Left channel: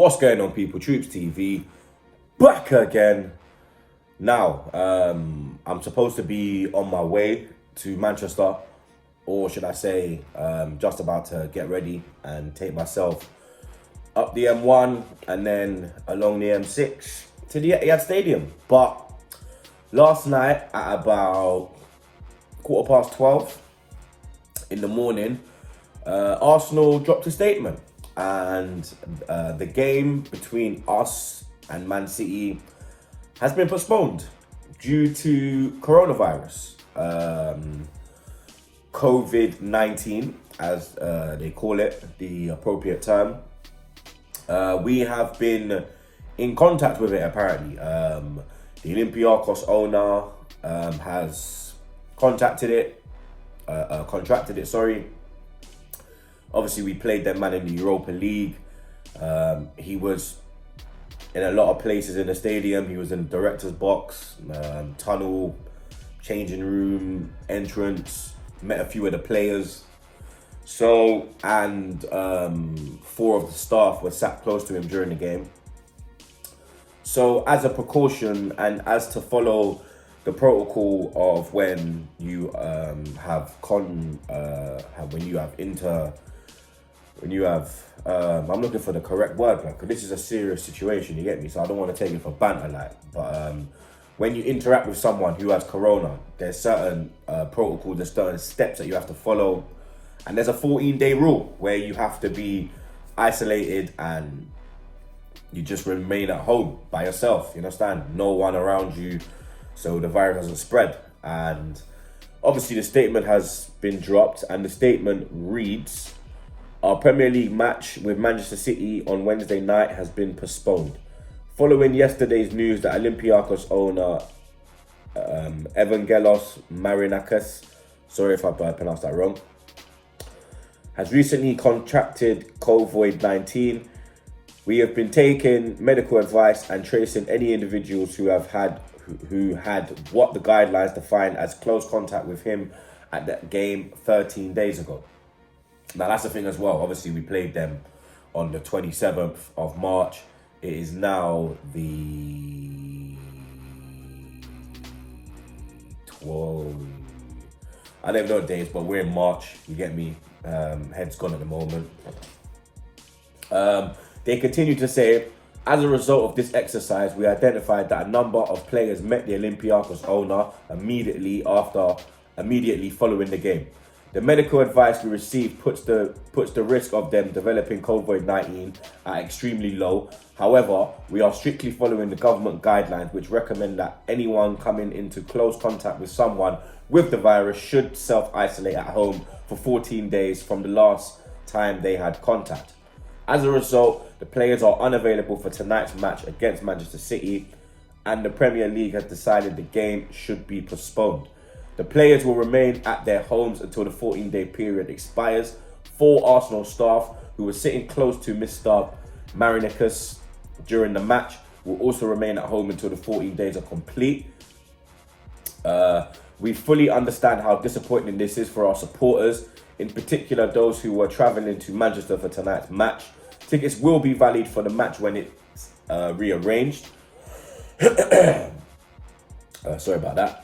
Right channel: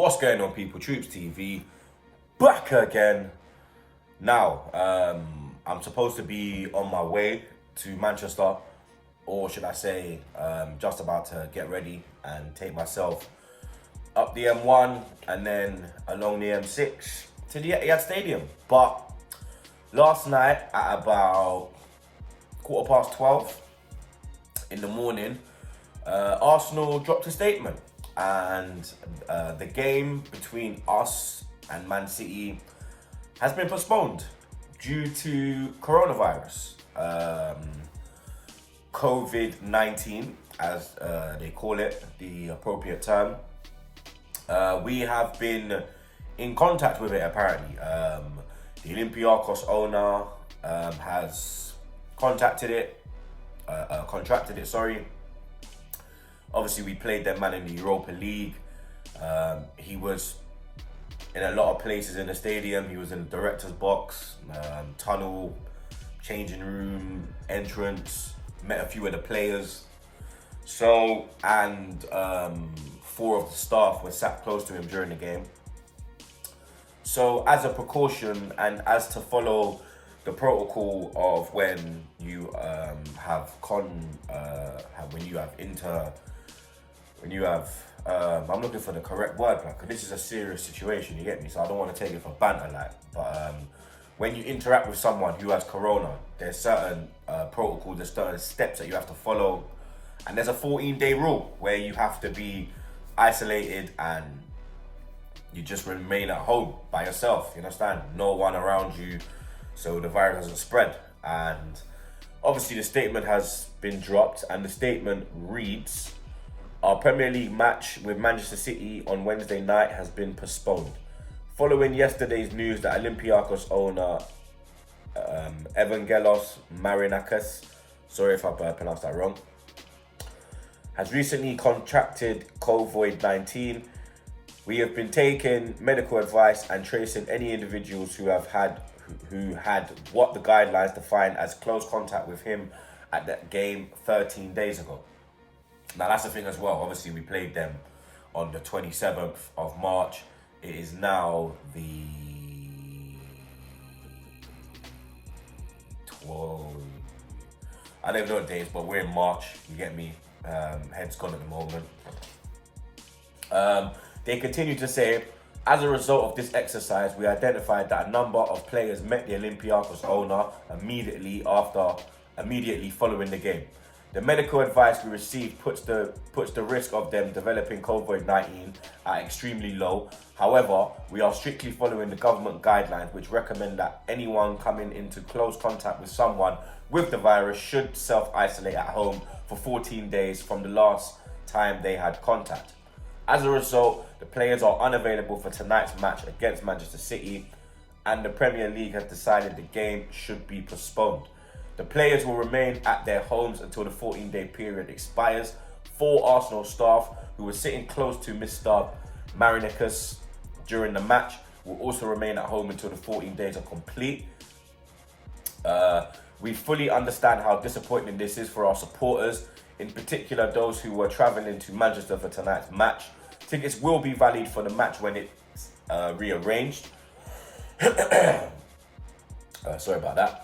What's going on, people? TroopzTV back again. Now, I'm supposed to be on my way to Manchester, or should I say, just about to get ready and take myself up the M1 and then along the M6 to the A.F.C Stadium. But last night at about 12:15 in the morning, Arsenal dropped a statement, and the game between us and Man City has been postponed due to coronavirus, COVID-19, as they call it, the appropriate term. We have been in contact with it, apparently. The Olympiacos owner has contracted it. Obviously, we played that man in the Europa League. He was in a lot of places in the stadium. He was in the director's box, tunnel, changing room, entrance, met a few of the players. So, and 4 of the staff were sat close to him during the game. So, as a precaution and as to follow the protocol of when you I'm looking for the correct word, because this is a serious situation, you get me? So I don't want to take it for banter, like, but when you interact with someone who has corona, there's certain protocols, there's certain steps that you have to follow, and there's a 14-day rule where you have to be isolated and you just remain at home by yourself, you understand? No one around you, so the virus doesn't spread. And obviously the statement has been dropped, and the statement reads: our Premier League match with Manchester City on Wednesday night has been postponed. Following yesterday's news that Olympiacos owner Evangelos Marinakis, sorry if I pronounced that wrong, has recently contracted COVID-19, we have been taking medical advice and tracing any individuals who had what the guidelines define as close contact with him at that game 13 days ago. Now, that's the thing as well. Obviously, we played them on the 27th of March. It is now the 12th. I don't even know the days, but we're in March. You get me? Head's gone at the moment. They continue to say, as a result of this exercise, we identified that a number of players met the Olympiacos owner immediately following the game. The medical advice we received puts the risk of them developing COVID-19 at extremely low. However, we are strictly following the government guidelines, which recommend that anyone coming into close contact with someone with the virus should self-isolate at home for 14 days from the last time they had contact. As a result, the players are unavailable for tonight's match against Manchester City, and the Premier League has decided the game should be postponed. The players will remain at their homes until the 14-day period expires. 4 Arsenal staff who were sitting close to Mr. Marinakis during the match will also remain at home until the 14 days are complete. We fully understand how disappointing this is for our supporters, in particular those who were travelling to Manchester for tonight's match. Tickets will be valid for the match when it's rearranged. Sorry about that.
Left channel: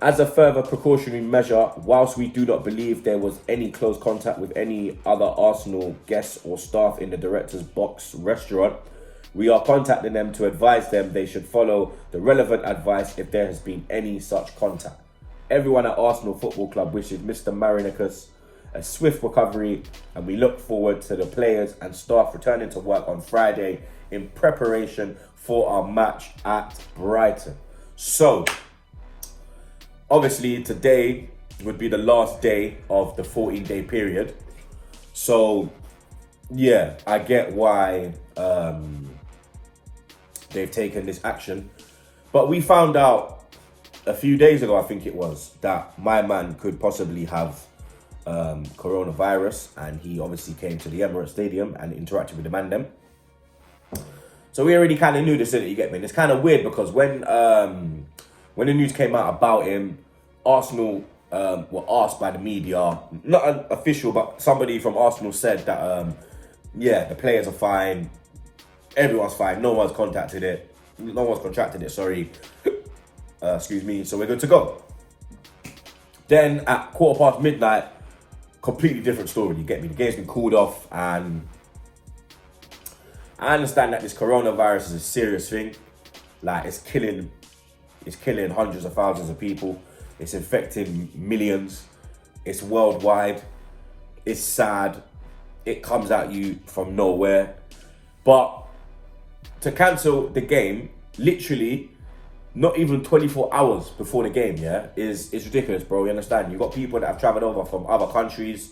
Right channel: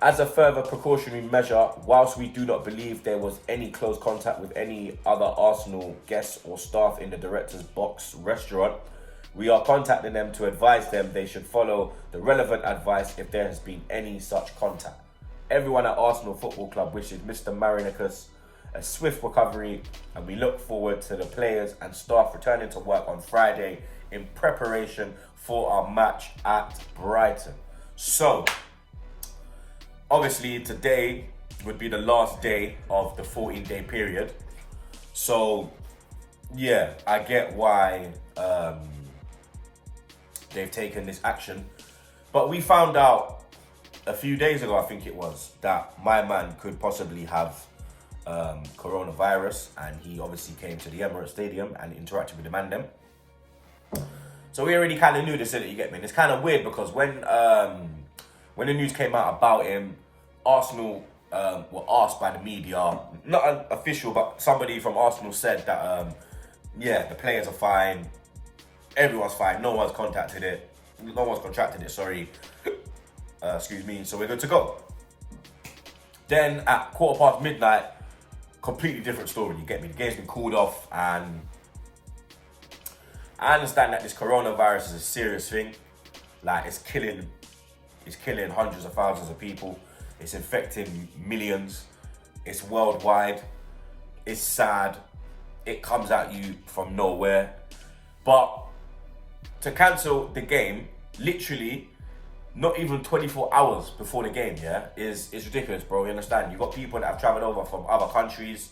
As a further precautionary measure, whilst we do not believe there was any close contact with any other Arsenal guests or staff in the director's box restaurant, we are contacting them to advise them they should follow the relevant advice if there has been any such contact. Everyone at Arsenal Football Club wishes Mr. Marinakis a swift recovery, and we look forward to the players and staff returning to work on Friday in preparation for our match at Brighton. So, obviously today would be the last day of the 14-day period. So, yeah, I get why they've taken this action. But we found out a few days ago, I think it was, that my man could possibly have coronavirus, and he obviously came to the Emirates Stadium and interacted with the man them. So we already kind of knew this, didn't you get me? And it's kind of weird because when the news came out about him, Arsenal were asked by the media, not an official, but somebody from Arsenal said that, yeah, the players are fine. Everyone's fine. No one's contracted it. Sorry. Excuse me. So we're good to go. Then at midnight, completely different story. You get me? The game's been called off, and I understand that this coronavirus is a serious thing. Like, it's killing hundreds of thousands of people. It's infecting millions. It's worldwide. It's sad. It comes at you from nowhere. But to cancel the game, literally, not even 24 hours before the game, yeah, is ridiculous, bro. You understand? You've got people that have traveled over from other countries,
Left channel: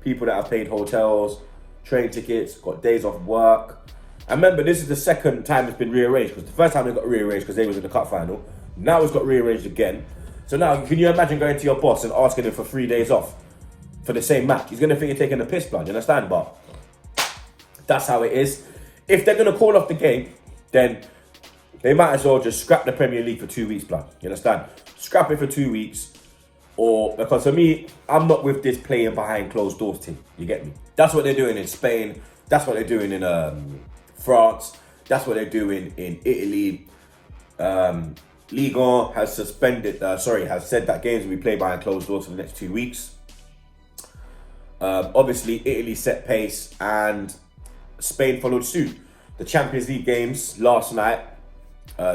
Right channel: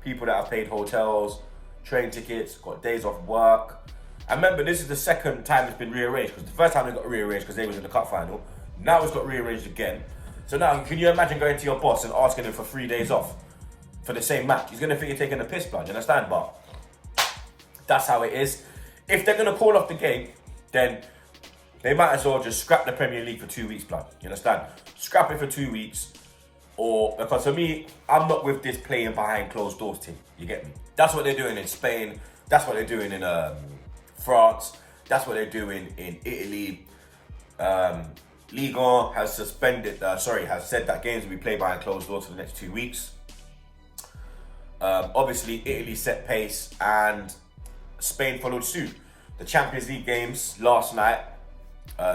people that have paid hotels, train tickets, got days off work. And remember, this is the second time it's been rearranged, because the first time it got rearranged because they was in the cup final. Now it's got rearranged again. So now, can you imagine going to your boss and asking him for 3 days off for the same match? He's going to think you're taking the piss, blood. You understand? But that's how it is. If they're going to call off the game, then they might as well just scrap the Premier League for 2 weeks, blood. You understand? Scrap it for 2 weeks. Or, because for me, I'm not with this playing behind closed doors thing. You get me? That's what they're doing in Spain. That's what they're doing in France. That's what they're doing in Italy. Ligue 1 has has said that games will be played behind closed doors for the next 2 weeks. Obviously, Italy set pace and Spain followed suit. The Champions League games last night,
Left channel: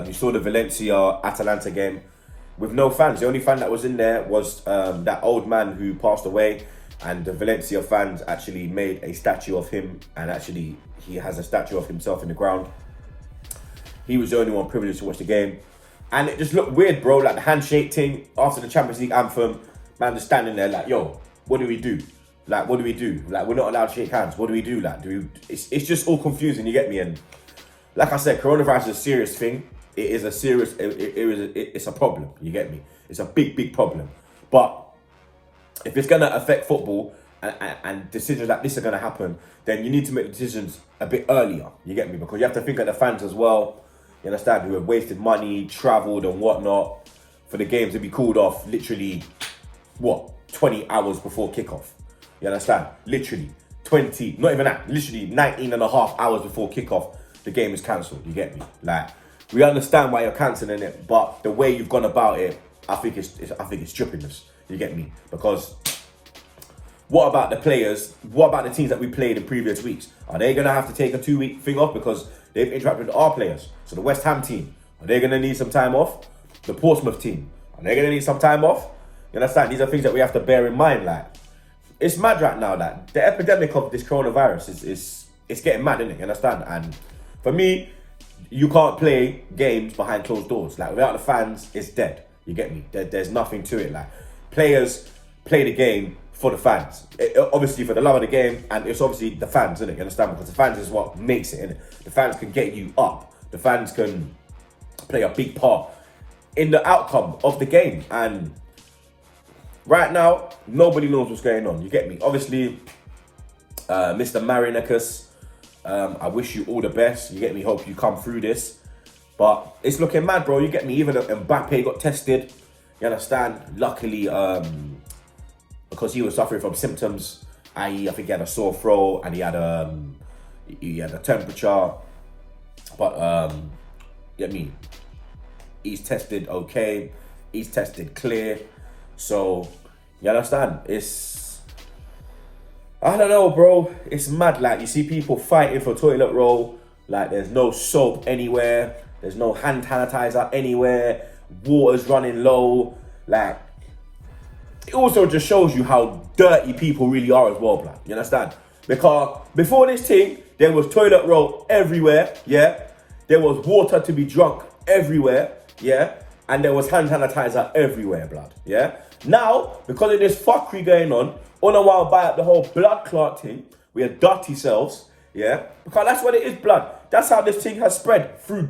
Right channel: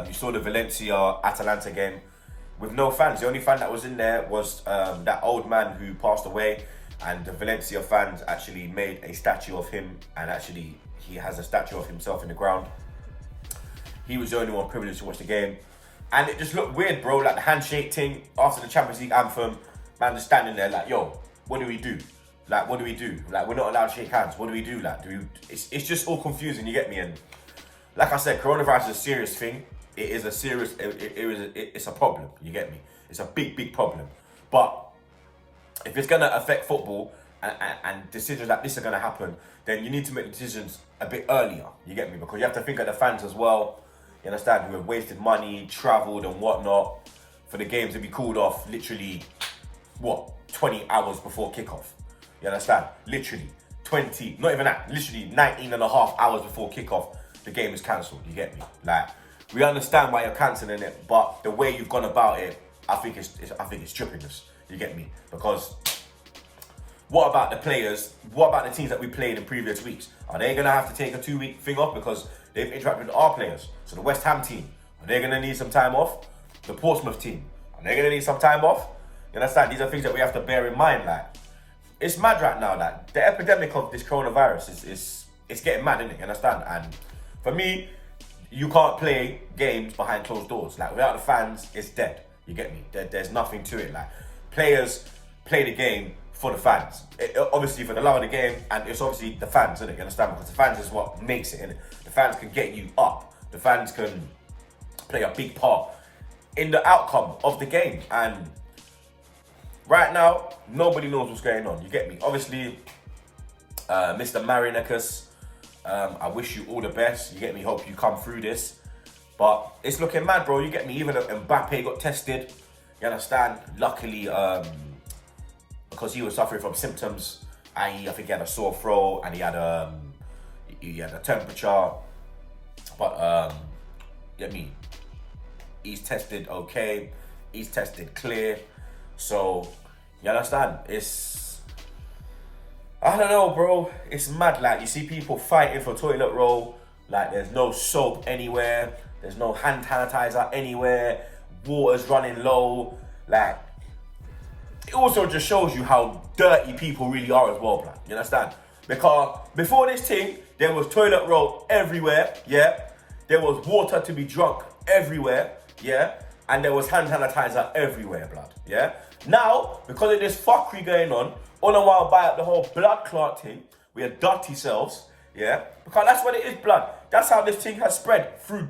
you saw the Valencia-Atalanta game with no fans. The only fan that was in there was that old man who passed away, and the Valencia fans actually made a statue of him, and actually he has a statue of himself in the ground. He was the only one privileged to watch the game. And it just looked weird, bro. Like the handshake thing after the Champions League anthem, man just standing there like, yo, what do we do? Like, what do we do? Like, we're not allowed to shake hands. What do we do? Like, it's just all confusing, you get me? And like I said, coronavirus is a serious thing. It is a serious, it's a problem, you get me? It's a big, big problem. But if it's going to affect football and decisions like this are going to happen, then you need to make decisions a bit earlier, you get me? Because you have to think of the fans as well, you understand, who have wasted money, travelled and whatnot for the games to be called off literally, 20 hours before kickoff. You understand? Literally 20, not even that, literally 19 and a half hours before kickoff, the game is cancelled, you get me? Like, we understand why you're cancelling it, but the way you've gone about it, I think it's trippiness, you get me? Because what about the players? What about the teams that we played in previous weeks? Are they going to have to take a 2-week thing off because they've interacted with our players? So the West Ham team, are they going to need some time off? The Portsmouth team, are they going to need some time off? You understand? These are things that we have to bear in mind. Like, it's mad right now that the epidemic of this coronavirus is getting mad, isn't it? You understand? And for me, you can't play games behind closed doors. Like, without the fans, it's dead. You get me? There's nothing to it. Like, players play the game for the fans. Obviously for the love of the game, and it's obviously the fans, isn't it? You understand? Because the fans is what makes it, innit? The fans can get you up. The fans can play a big part in the outcome of the game. And right now, nobody knows what's going on. You get me? Obviously, Mr. Marinakis, I wish you all the best. You get me? Hope you come through this. But it's looking mad, bro. You get me? Even Mbappe got tested. You understand? Luckily, because he was suffering from symptoms, i.e., I think he had a sore throat and he had a temperature. But get me? He's tested okay. He's tested clear. So you understand? I don't know, bro. It's mad. Like, you see people fighting for toilet roll. Like, there's no soap anywhere. There's no hand sanitizer anywhere. Water's running low. Like, it also just shows you how dirty people really are as well, blood. You understand? Because before this thing, there was toilet roll everywhere, yeah? There was water to be drunk everywhere, yeah? And there was hand sanitizer everywhere, blood, yeah? Now, because of this fuckery going on a while back, the whole blood clot thing, we are dirty selves, yeah? Because that's what it is, blood. That's how this thing has spread through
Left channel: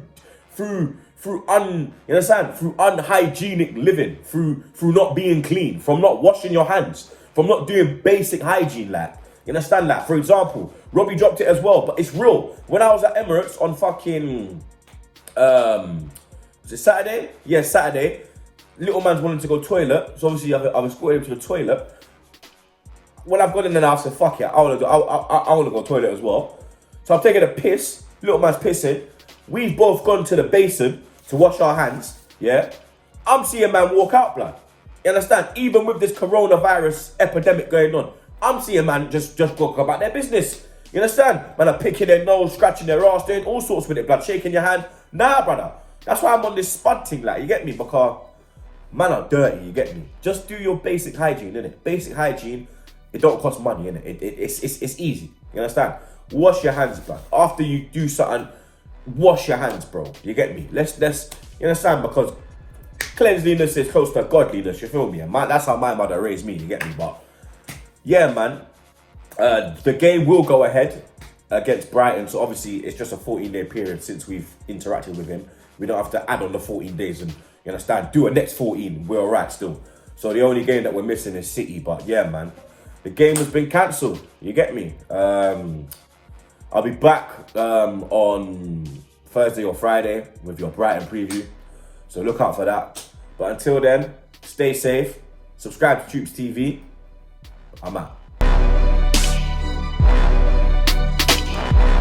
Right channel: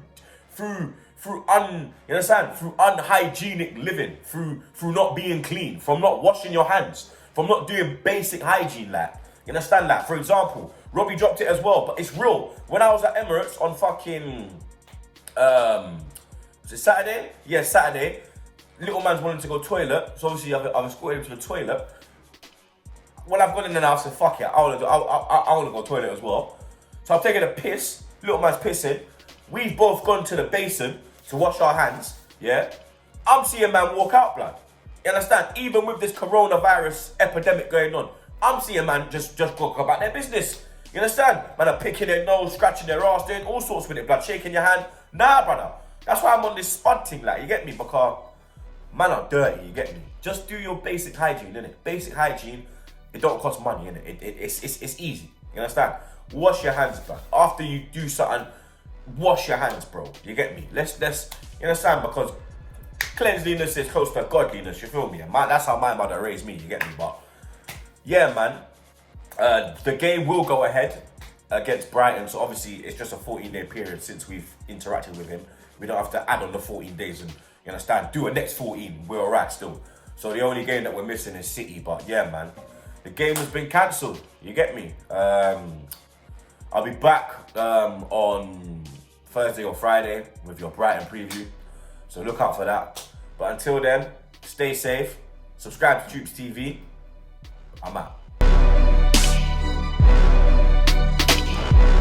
you understand? Through unhygienic living, through not being clean, from not washing your hands, from not doing basic hygiene, like. You understand that? For example, Robbie dropped it as well, but it's real. When I was at Emirates on fucking, was it Saturday? Yeah, Saturday. Little man's wanting to go toilet, so obviously I've escorted him to the toilet. When I've gone in there, I've said, fuck it, I want to go toilet as well. So I'm taking a piss. Little man's pissing. We've both gone to the basin to wash our hands, yeah? I'm seeing man walk out, blood. You understand? Even with this coronavirus epidemic going on, I'm seeing man just go about their business. You understand? Man are picking their nose, scratching their ass, doing all sorts with it, blood, shaking your hand. Nah, brother. That's why I'm on this spud thing, like, you get me? Because man are dirty, you get me? Just do your basic hygiene, innit? Basic hygiene, it don't cost money, innit? It's easy, you understand? Wash your hands, blood. After you do something, wash your hands, bro. You get me? Let's you understand? Because cleanliness is close to godliness, you feel me? And that's how my mother raised me, you get me? But yeah, man, the game will go ahead against Brighton. So obviously it's just a 14-day period since we've interacted with him. We don't have to add on the 14 days and, you understand, do a next 14. We're all right still. So the only game that we're missing is City. But yeah, man, the game has been cancelled. You get me? I'll be back on Thursday or Friday with your Brighton preview. So look out for that. But until then, stay safe. Subscribe to TroopzTV. I'm out.